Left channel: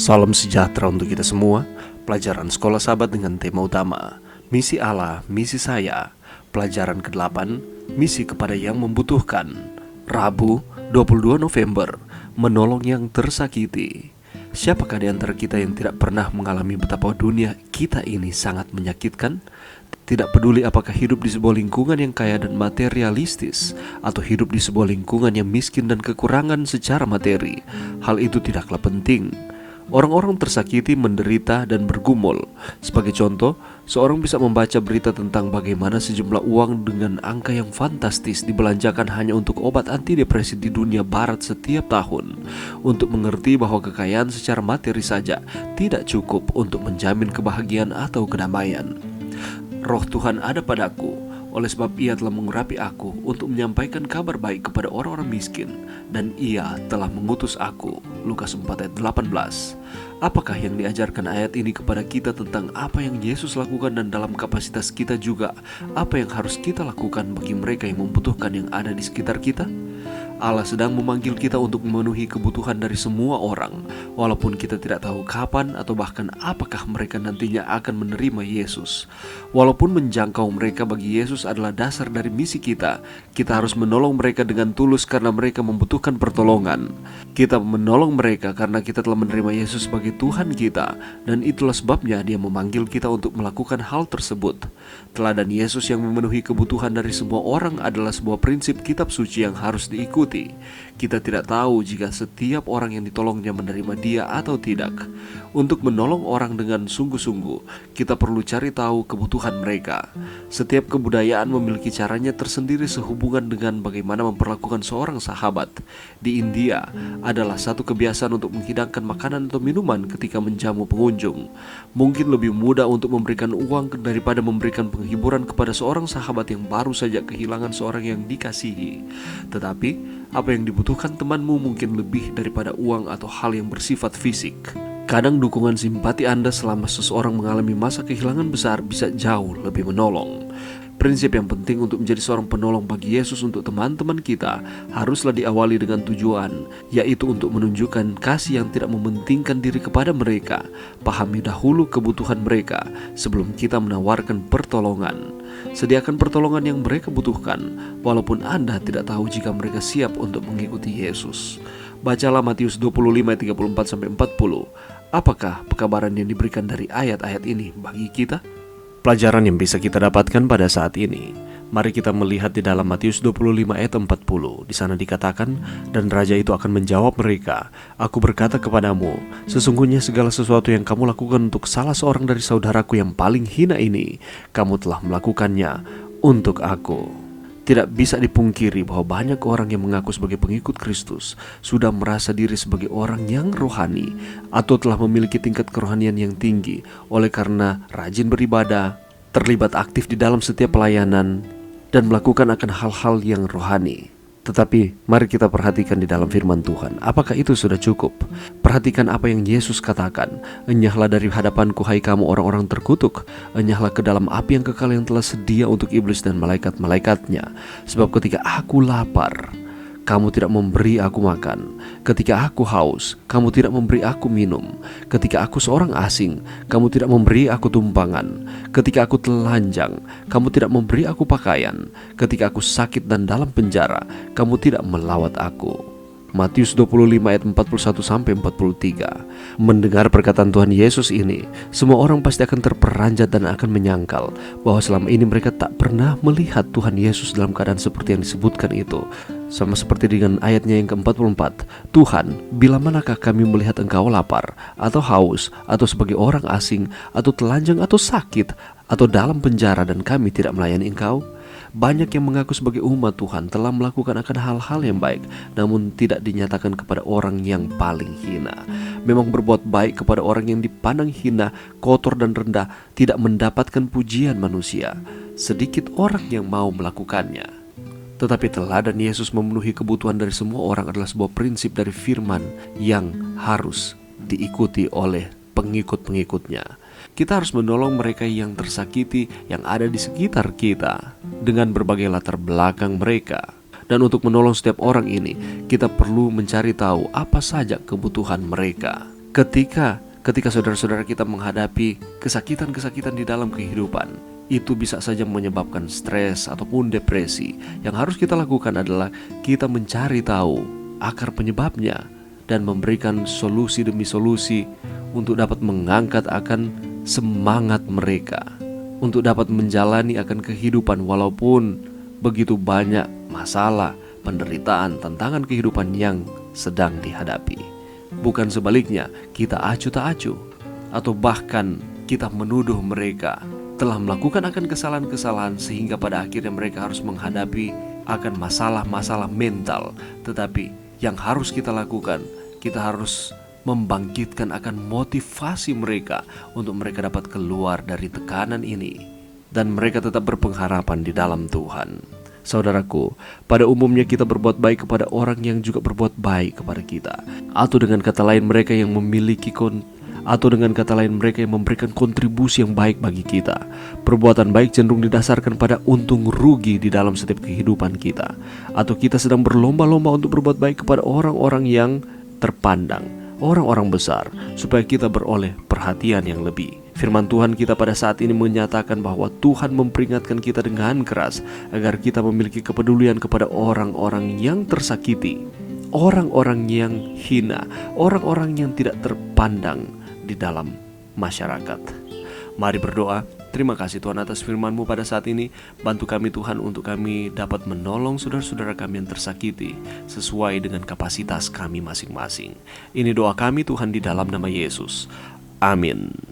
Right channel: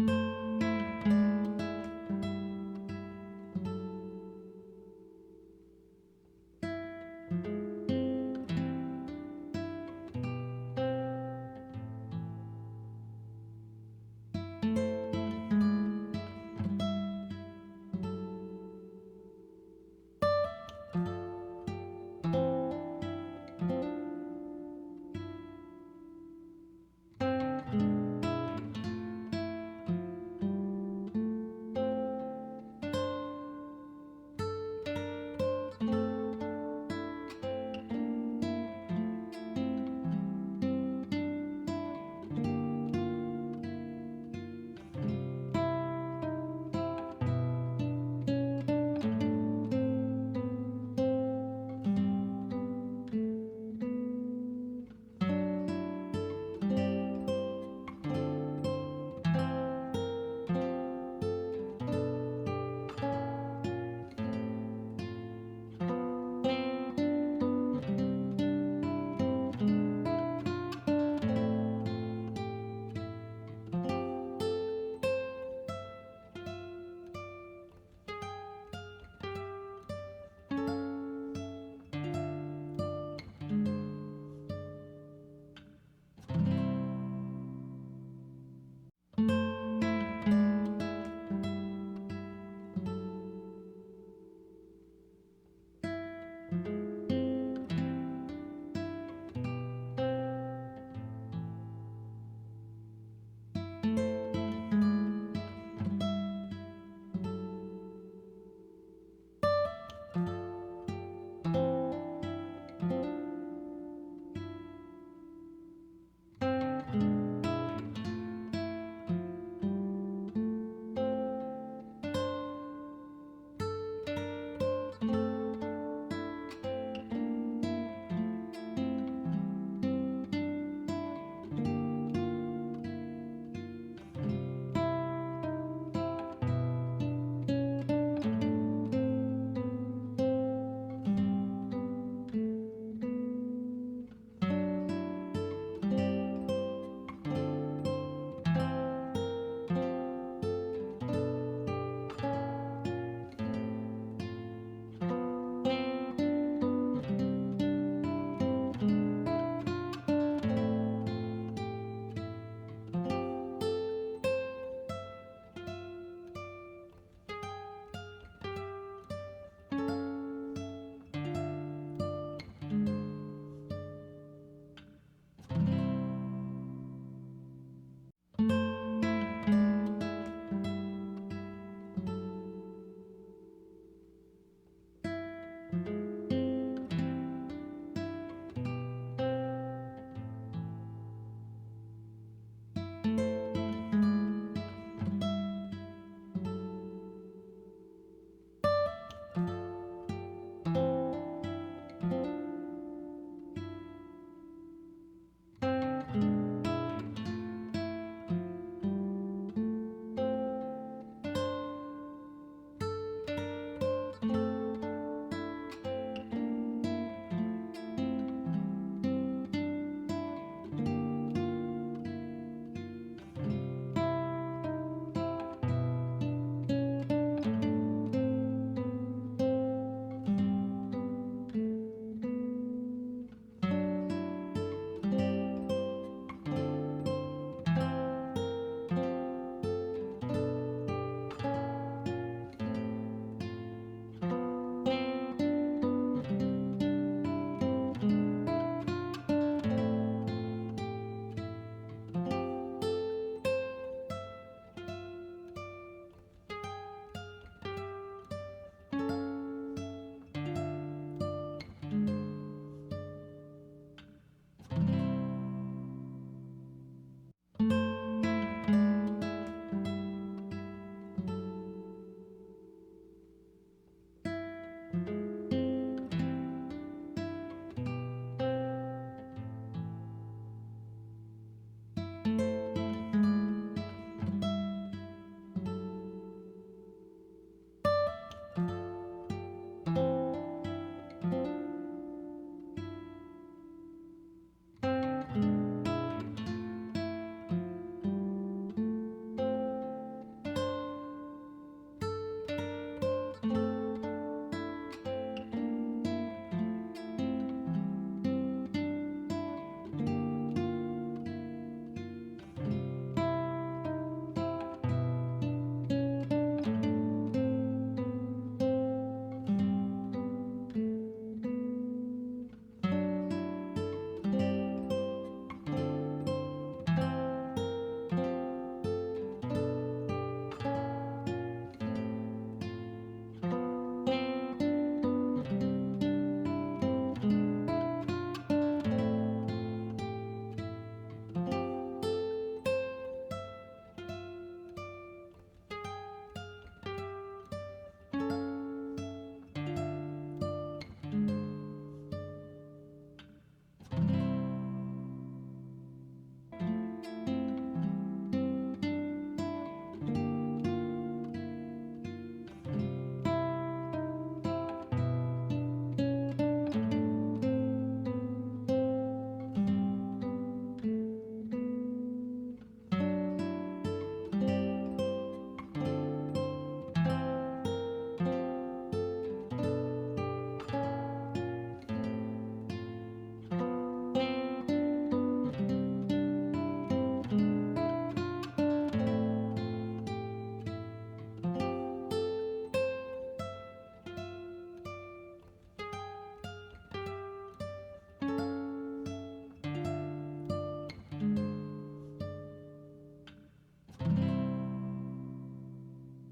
Salam sejahtera untuk kita semua. Pelajaran Sekolah Sahabat dengan tema utama Misi Allah, Misi Saya. Pelajaran ke-8, Misi kepada yang membutuhkan. Rabu, 22 November, menolong yang tersakiti. Siapakah di antara kita yang tidak pernah mengalami betapa dunia kita ini sangat menyakitkan? Tidak peduli apakah hidup di sebuah lingkungan yang kaya dan materialistis, atau hidup di sebuah lingkungan yang miskin dan kekurangan secara materi, hal itu tidaklah penting. Orang-orang tersakiti menderita dan bergumul. Sebagai contoh, seorang bisa membaca berita tentang bagaimana sejumlah uang dengan angka yang fantastis dibelanjakan hanya untuk obat antidepresi di dunia barat setiap tahun, untuk mengerti bahwa kekayaan secara materi saja tidak cukup untuk menjamin kebahagiaan atau kedamaian. Roh Tuhan ada padaku, oleh sebab Ia telah mengurapi aku untuk menyampaikan kabar baik kepada orang-orang miskin, dan Ia telah mengutus aku. Lukas 4 ayat 18. Apakah yang diajarkan ayat ini kepada kita tentang apa yang Yesus lakukan, dan dalam kapasitas kita juga apa yang harus kita lakukan bagi mereka yang membutuhkan yang ada di sekitar kita? Allah sedang memanggil kita untuk memenuhi kebutuhan dari semua orang, walaupun kita tidak tahu kapan atau bahkan apakah mereka nantinya akan menerima Yesus. Walaupun menjangkau mereka bagi Yesus adalah dasar dari misi kita harus menolong mereka dengan tulus karena mereka membutuhkan pertolongan. Kita menolong mereka karena kita telah menerima Yesus sebagai Tuhan kita, dan itulah sebabnya Dia memanggil kita untuk melakukan hal tersebut. Teladan Yesus yang memenuhi kebutuhan dari semua orang adalah sebuah prinsip kitab suci yang harus diikuti. Kita tidak tahu jika setiap orang yang ditolongnya menerima Dia atau tidak. Untuk menolong orang dengan sungguh-sungguh, kita perlu cari tahu kebutuhan mereka. Setiap kebudayaan memiliki caranya tersendiri sehubungan dengan bagaimana memperlakukan seorang sahabat. Di India adalah satu kebiasaan untuk menghidangkan makanan atau minuman ketika menjamu pengunjung. Mungkin lebih mudah untuk memberikan uang daripada memberikan penghiburan kepada seorang sahabat yang baru saja kehilangan seorang yang dikasihi. Tetapi apa yang dibutuhkan temanmu mungkin lebih daripada uang atau hal yang bersifat fisik. Kadang dukungan simpati Anda selama seseorang mengalami masa kehilangan besar bisa jauh lebih menolong. Prinsip yang penting untuk menjadi seorang penolong bagi Yesus untuk teman-teman kita haruslah diawali dengan tujuan, yaitu untuk menunjukkan kasih yang tidak mementingkan diri kepada mereka. Pahami dahulu kebutuhan mereka sebelum kita menawarkan pertolongan. Sediakan pertolongan yang mereka butuhkan, walaupun Anda tidak tahu jika mereka siap untuk mengikuti Yesus. Bacalah Matius 25 ayat 34-40. Apakah pekabaran yang diberikan dari ayat-ayat ini bagi kita? Pelajaran yang bisa kita dapatkan pada saat ini, mari kita melihat di dalam Matius 25 ayat 40. Di sana dikatakan, dan raja itu akan menjawab mereka, aku berkata kepadamu, sesungguhnya segala sesuatu yang kamu lakukan untuk salah seorang dari saudaraku yang paling hina ini, kamu telah melakukannya untuk aku. Tidak bisa dipungkiri bahwa banyak orang yang mengaku sebagai pengikut Kristus sudah merasa diri sebagai orang yang rohani atau telah memiliki tingkat kerohanian yang tinggi oleh karena rajin beribadah, terlibat aktif di dalam setiap pelayanan, dan melakukan akan hal-hal yang rohani. Tetapi mari kita perhatikan di dalam firman Tuhan, apakah itu sudah cukup? Perhatikan apa yang Yesus katakan, enyahlah dari hadapanku hai kamu orang-orang terkutuk, enyahlah ke dalam api yang kekal yang telah sedia untuk iblis dan malaikat-malaikatnya. Sebab ketika aku lapar, kamu tidak memberi aku makan. Ketika aku haus, kamu tidak memberi aku minum. Ketika aku seorang asing, kamu tidak memberi aku tumpangan. Ketika aku telanjang, kamu tidak memberi aku pakaian. Ketika aku sakit dan dalam penjara, kamu tidak melawat aku. Matius 25 ayat 41-43. Mendengar perkataan Tuhan Yesus ini, semua orang pasti akan terperanjat dan akan menyangkal bahwa selama ini mereka tak pernah melihat Tuhan Yesus dalam keadaan seperti yang disebutkan itu. Sama seperti dengan ayatnya yang ke-44, Tuhan, bila manakah kami melihat engkau lapar, atau haus, atau sebagai orang asing, atau telanjang, atau sakit, atau dalam penjara dan kami tidak melayani engkau? Banyak yang mengaku sebagai umat Tuhan telah melakukan akan hal-hal yang baik, namun tidak dinyatakan kepada orang yang paling hina. Memang berbuat baik kepada orang yang dipandang hina, kotor dan rendah tidak mendapatkan pujian manusia. Sedikit orang yang mau melakukannya. Tetapi teladan Yesus memenuhi kebutuhan dari semua orang adalah sebuah prinsip dari firman yang harus diikuti oleh pengikut-pengikutnya. Kita harus menolong mereka yang tersakiti yang ada di sekitar kita dengan berbagai latar belakang mereka. Dan untuk menolong setiap orang ini, kita perlu mencari tahu apa saja kebutuhan mereka. Ketika saudara-saudara kita menghadapi kesakitan-kesakitan di dalam kehidupan, itu bisa saja menyebabkan stres ataupun depresi. Yang harus kita lakukan adalah kita mencari tahu akar penyebabnya dan memberikan solusi demi solusi untuk dapat mengangkat akan semangat mereka, untuk dapat menjalani akan kehidupan walaupun begitu banyak masalah, penderitaan, tantangan kehidupan yang sedang dihadapi. Bukan sebaliknya, kita acuh tak acuh, atau bahkan kita menuduh mereka telah melakukan akan kesalahan-kesalahan sehingga pada akhirnya mereka harus menghadapi akan masalah-masalah mental. Tetapi yang harus kita lakukan, kita harus membangkitkan akan motivasi mereka untuk mereka dapat keluar dari tekanan ini dan mereka tetap berpengharapan di dalam Tuhan. Saudaraku, pada umumnya kita berbuat baik kepada orang yang juga berbuat baik kepada kita, atau dengan kata lain mereka yang memberikan kontribusi yang baik bagi kita. Perbuatan baik cenderung didasarkan pada untung rugi di dalam setiap kehidupan kita, atau kita sedang berlomba-lomba untuk berbuat baik kepada orang-orang yang terpandang, orang-orang besar, supaya kita beroleh perhatian yang lebih. Firman Tuhan kita pada saat ini menyatakan bahwa Tuhan memperingatkan kita dengan keras agar kita memiliki kepedulian kepada orang-orang yang tersakiti, orang-orang yang hina, orang-orang yang tidak terpandang di dalam masyarakat. Mari berdoa. Terima kasih Tuhan atas firman-Mu pada saat ini. Bantu kami Tuhan untuk kami dapat menolong saudara-saudara kami yang tersakiti sesuai dengan kapasitas kami masing-masing. Ini doa kami Tuhan di dalam nama Yesus. Amin.